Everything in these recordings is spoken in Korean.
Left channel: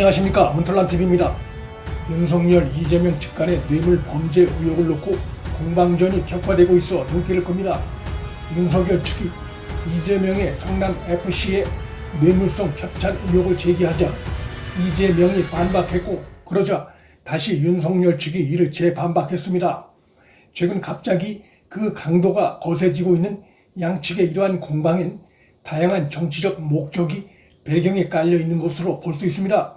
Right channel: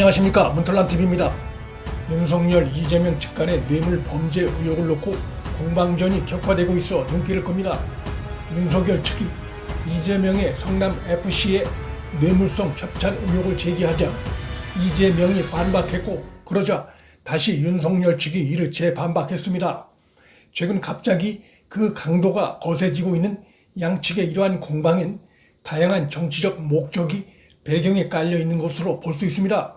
안녕하십니까, 문털남TV입니다. 윤석열, 이재명 측 간의 뇌물 범죄 의혹을 놓고 공방전이 격화되고 있어 눈길을 끕니다. 윤석열 측이 이재명의 성남FC의 뇌물성 협찬 의혹을 제기하자 이재명이 반박했고, 그러자 다시 윤석열 측이 이를 재반박했습니다. 최근 갑자기 그 강도가 거세지고 있는 양측의 이러한 공방엔 다양한 정치적 목적이 배경에 깔려 있는 것으로 볼 수 있습니다.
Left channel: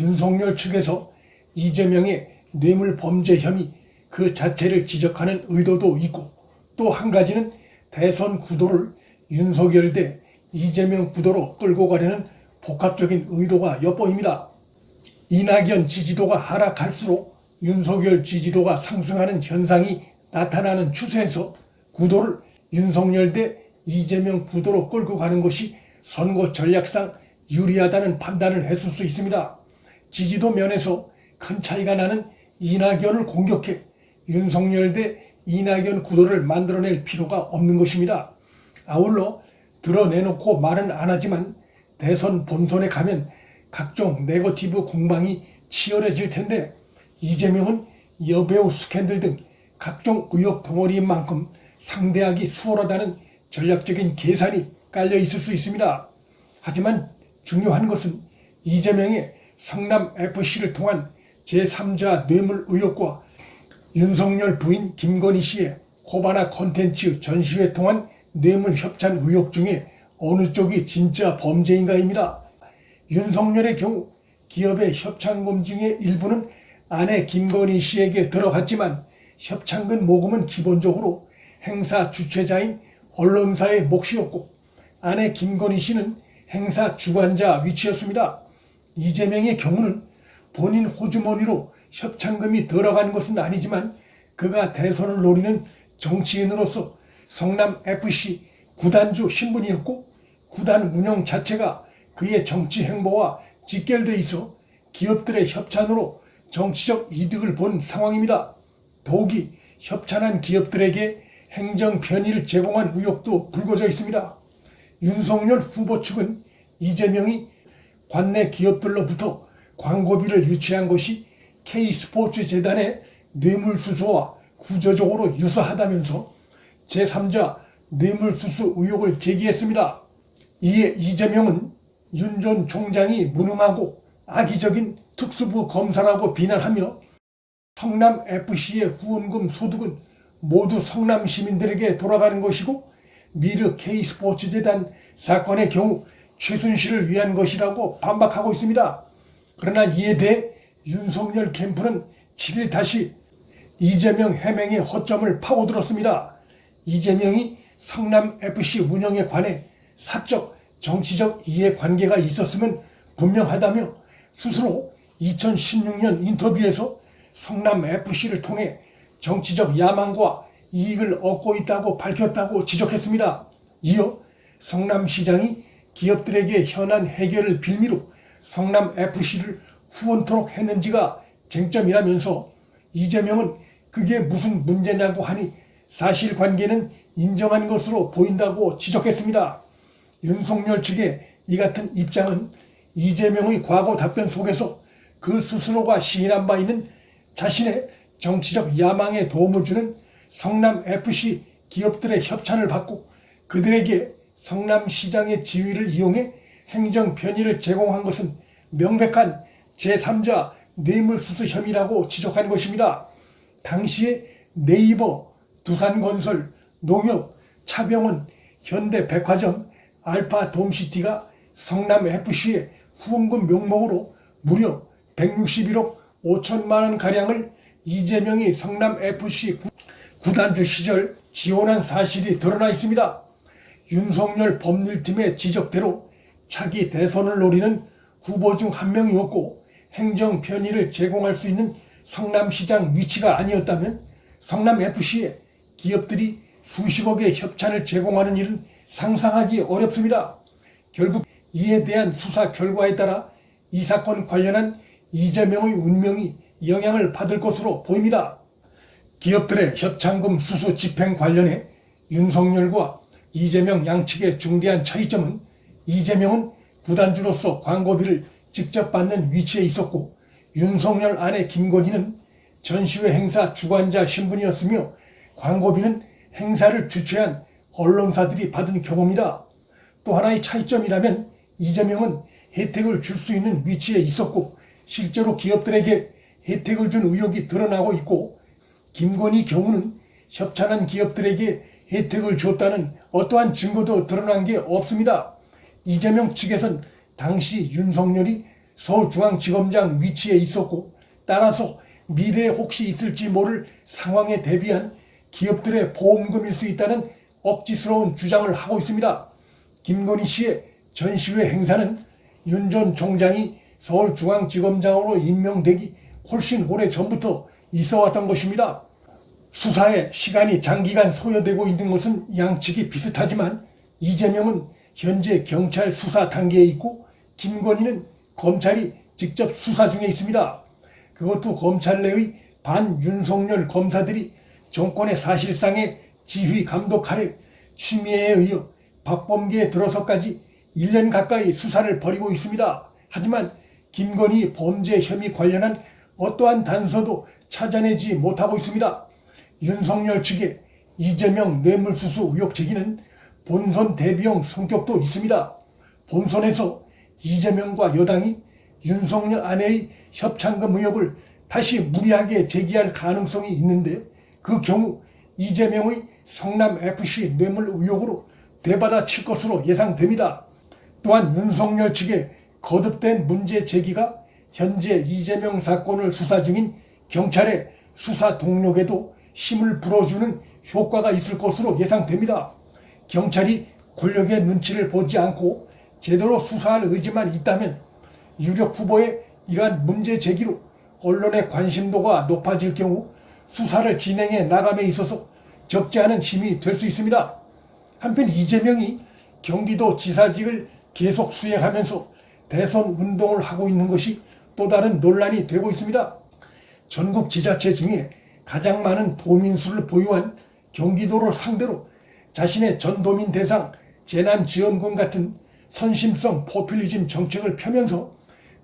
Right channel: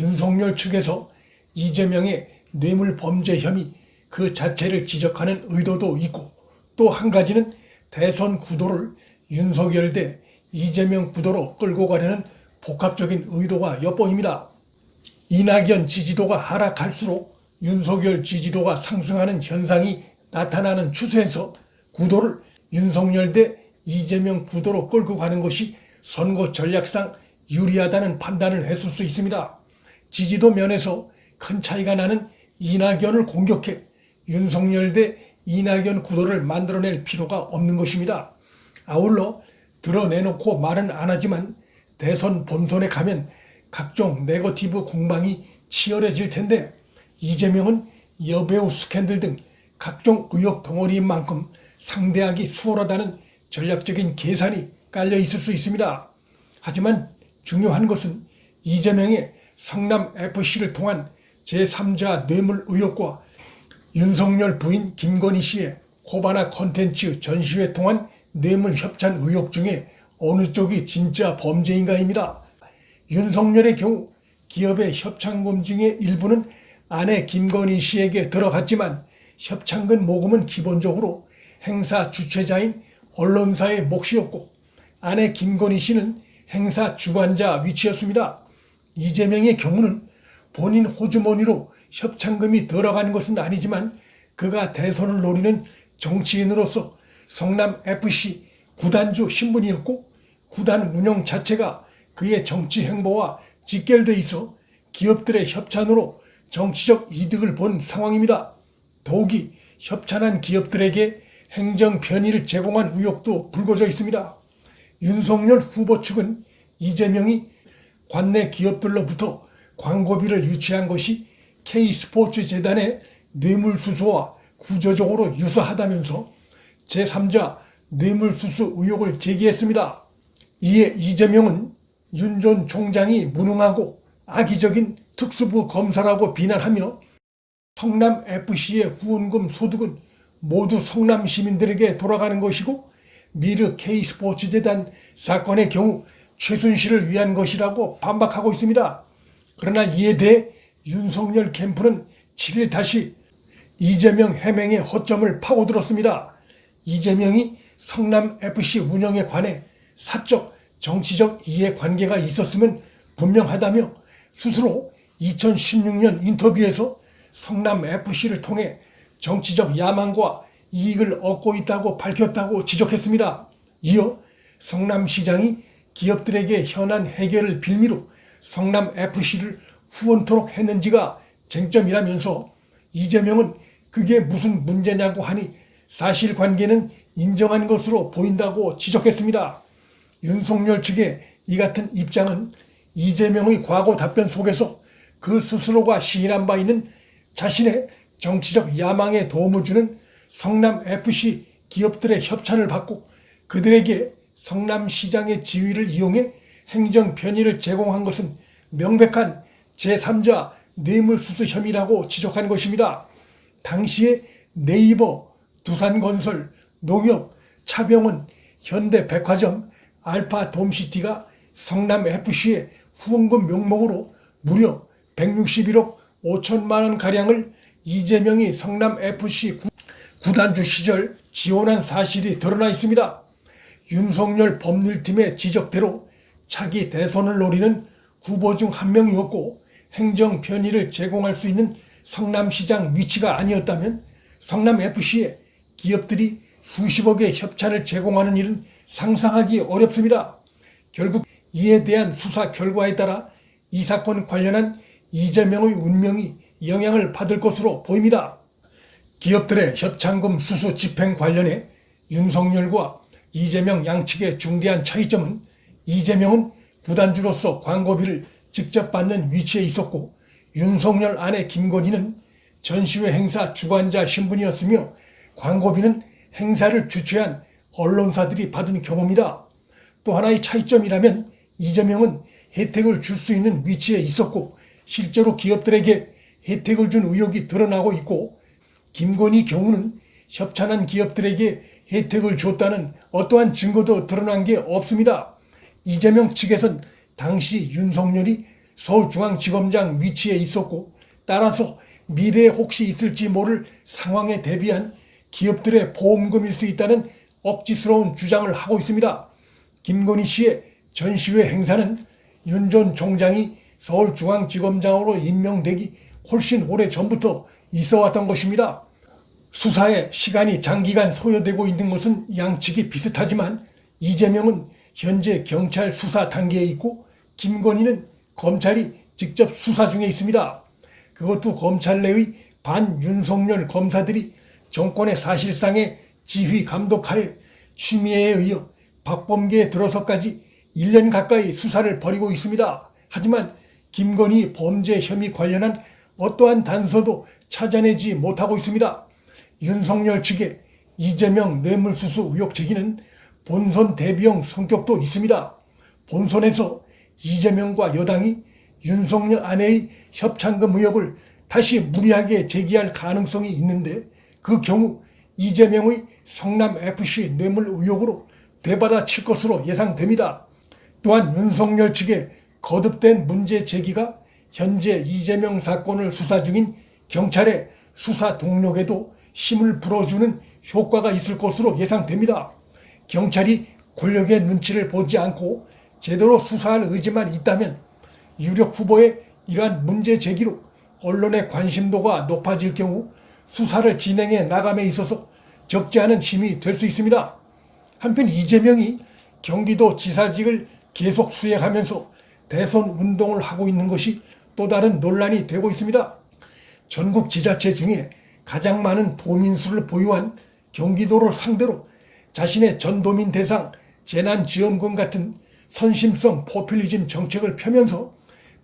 윤석열 측에서 이재명의 뇌물 범죄 혐의 그 자체를 지적하는 의도도 있고, 또 한 가지는 대선 구도를 윤석열 대 이재명 구도로 끌고 가려는 복합적인 의도가 엿보입니다. 이낙연 지지도가 하락할수록 윤석열 지지도가 상승하는 현상이 나타나는 추세에서 구도를 윤석열 대 이재명 구도로 끌고 가는 것이 선거 전략상 유리하다는 판단을 했을 수 있습니다. 지지도 면에서 큰 차이가 나는 이낙연을 공격해 윤석열 대 이낙연 구도를 만들어낼 필요가 없는 것입니다. 아울러 드러내놓고 말은 안 하지만 대선 본선에 가면 각종 네거티브 공방이 치열해질 텐데, 이재명은 여배우 스캔들 등 각종 의혹 덩어리인 만큼 상대하기 수월하다는 전략적인 계산이 깔려 있을 수 있습니다. 하지만 중요한 것은 이재명의 성남FC를 통한 제3자 뇌물 의혹과 윤석열 부인 김건희 씨의 코바나 콘텐츠 전시회 통한 뇌물 협찬 의혹 중에 어느 쪽이 진짜 범죄인가입니다. 윤석열의 경우 기업의 협찬금 중에 일부는 아내 김건희 씨에게 들어갔지만, 협찬금 모금은 기본적으로 행사 주최자인 언론사의 몫이었고, 아내 김건희 씨는 행사 주관자 위치였습니다. 이재명의 경우는 본인 호주머니로 협찬금이 들어간 것은 아니지만, 그가 대선을 노리는 정치인으로서 성남FC 구단주 신분이었고, 구단 운영 자체가 그의 정치 행보와 직결돼 있어 기업들의 협찬으로 정치적 이득을 본 상황입니다. 더욱이 협찬한 기업들에게 행정 편의를 제공한 의혹도 불거져 있습니다. 윤석열 후보 측은 이재명이 관내 기업들로부터 광고비를 유치한 것이 K스포츠재단의 뇌물수수와 구조적으로 유사하다면서 제3자 뇌물수수 의혹을 제기했습니다. 이에 이재명은 윤 전 총장이 무능하고 악의적인 특수부 검사라고 비난하며 성남FC의 후원금 소득은 모두 성남 시민들에게 돌아가는 것이고, 미르 K스포츠재단 사건의 경우 최순실을 위한 것이라고 반박하고 있습니다. 그러나 이에 대해 윤석열 캠프는 7일 다시 이재명 해명의 허점을 파고들었습니다. 이재명이 성남FC 운영에 관해 사적, 정치적 이해관계가 있었으면 분명하다며 스스로 2016년 인터뷰에서 성남FC를 통해 정치적 야망과 이익을 얻고 있다고 밝혔다고 지적했습니다. 이어 성남시장이 기업들에게 현안 해결을 빌미로 성남FC를 후원토록 했는지가 쟁점이라면서, 이재명은 그게 무슨 문제냐고 하니 사실관계는 인정한 것으로 보인다고 지적했습니다. 윤석열 측의 이 같은 입장은 이재명의 과거 답변 속에서 그 스스로가 시인한 바 있는 자신의 정치적 야망에 도움을 주는 성남FC 기업들의 협찬을 받고 그들에게 성남시장의 지위를 이용해 행정 편의를 제공한 것은 명백한 제3자 뇌물수수 혐의라고 지적한 것입니다. 당시에 네이버, 두산건설, 농협, 차병원, 현대백화점, 알파돔시티가 성남FC의 후원금 명목으로 무려 161억 5천만 원 가량을 이재명이 성남FC 구단주 시절 지원한 사실이 드러나 있습니다. 윤석열 법률팀의 지적대로 차기 대선을 노리는 후보 중 한 명이었고, 행정 편의를 제공할 수 있는 성남시장 위치가 아니었다면 성남FC에 기업들이 수십억의 협찬을 제공하는 일은 상상하기 어렵습니다. 결국 이에 대한 수사 결과에 따라 이 사건 관련한 이재명의 운명이 영향을 받을 것으로 보입니다. 기업들의 협찬금 수수 집행 관련해 윤석열과 이재명 양측의 중대한 차이점은, 이재명은 구단주로서 광고비를 직접 받는 위치에 있었고 윤석열 아내 김건희는 전시회 행사 주관자 신분이었으며 광고비는 행사를 주최한 언론사들이 받은 경우입니다. 또 하나의 차이점이라면 이재명은 혜택을 줄 수 있는 위치에 있었고 실제로 기업들에게 혜택을 준 의혹이 드러나고 있고 김건희 경우는 협찬한 기업들에게 혜택을 줬다는 어떠한 증거도 드러난 게 없습니다. 이재명 측에선 당시 윤석열이 서울중앙지검장 위치에 있었고 따라서 미래에 혹시 있을지 모를 상황에 대비한 기업들의 보험금일 수 있다는 억지스러운 주장을 하고 있습니다. 김건희 씨의 전시회 행사는 윤 전 총장이 서울중앙지검장으로 임명되기 훨씬 오래 전부터 있어왔던 것입니다. 수사에 시간이 장기간 소요되고 있는 것은 양측이 비슷하지만 이재명은 현재 경찰 수사 단계에 있고 김건희는 검찰이 직접 수사 중에 있습니다. 그것도 검찰 내의 반윤석열 검사들이 정권의 사실상의 지휘 감독 하에 취미에 의해 박범계에 들어서까지 1년 가까이 수사를 벌이고 있습니다. 하지만 김건희 범죄 혐의 관련한 어떠한 단서도 찾아내지 못하고 있습니다. 윤석열 측의 이재명 뇌물수수 의혹 제기는 본선 대비용 성격도 있습니다. 본선에서 이재명과 여당이 윤석열 아내의 협찬금 의혹을 다시 무리하게 제기할 가능성이 있는데 그 경우 이재명의 성남FC 뇌물 의혹으로 되받아칠 것으로 예상됩니다. 또한 윤석열 측의 거듭된 문제 제기가 현재 이재명 사건을 수사 중인 경찰의 수사 동력에도 힘을 불어주는 효과가 있을 것으로 예상됩니다. 경찰이 권력의 눈치를 보지 않고 제대로 수사할 의지만 있다면 유력 후보의 이러한 문제 제기로 언론의 관심도가 높아질 경우 수사를 진행해 나감에 있어서 적지 않은 힘이 될 수 있습니다. 한편 이재명이 경기도 지사직을 계속 수행하면서 대선 운동을 하고 있는 것이 또 다른 논란이 되고 있습니다. 전국 지자체 중에 가장 많은 도민수를 보유한 경기도를 상대로 자신의 전도민 대상 재난지원금 같은 선심성 포퓰리즘 정책을 펴면서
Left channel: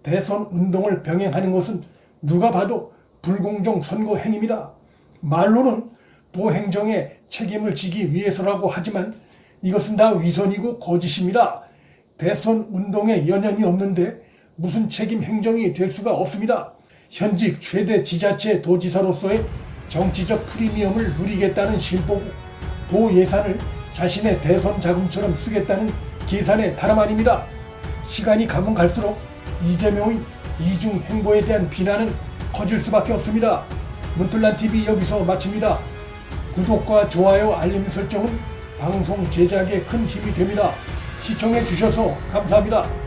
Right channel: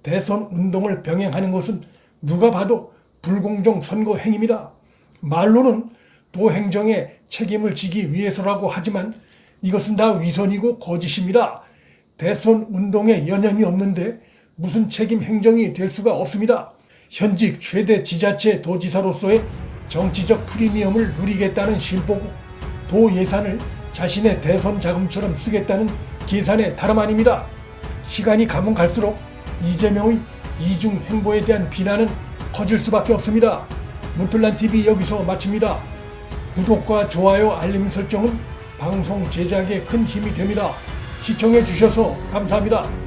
대선 운동을 병행하는 것은 누가 봐도 불공정 선거 행위입니다. 말로는 도행정의 책임을 지기 위해서라고 하지만 이것은 다 위선이고 거짓입니다. 대선 운동에 연연이 없는데 무슨 책임 행정이 될 수가 없습니다. 현직 최대 지자체 도지사로서의 정치적 프리미엄을 누리겠다는 심보고 도 예산을 자신의 대선 자금처럼 쓰겠다는 계산의 다름 아닙니다. 시간이 가면 갈수록 이재명의 이중 행보에 대한 비난은 커질 수밖에 없습니다. 문틀란TV 여기서 마칩니다. 구독과 좋아요, 알림 설정은 방송 제작에 큰 힘이 됩니다. 시청해 주셔서 감사합니다.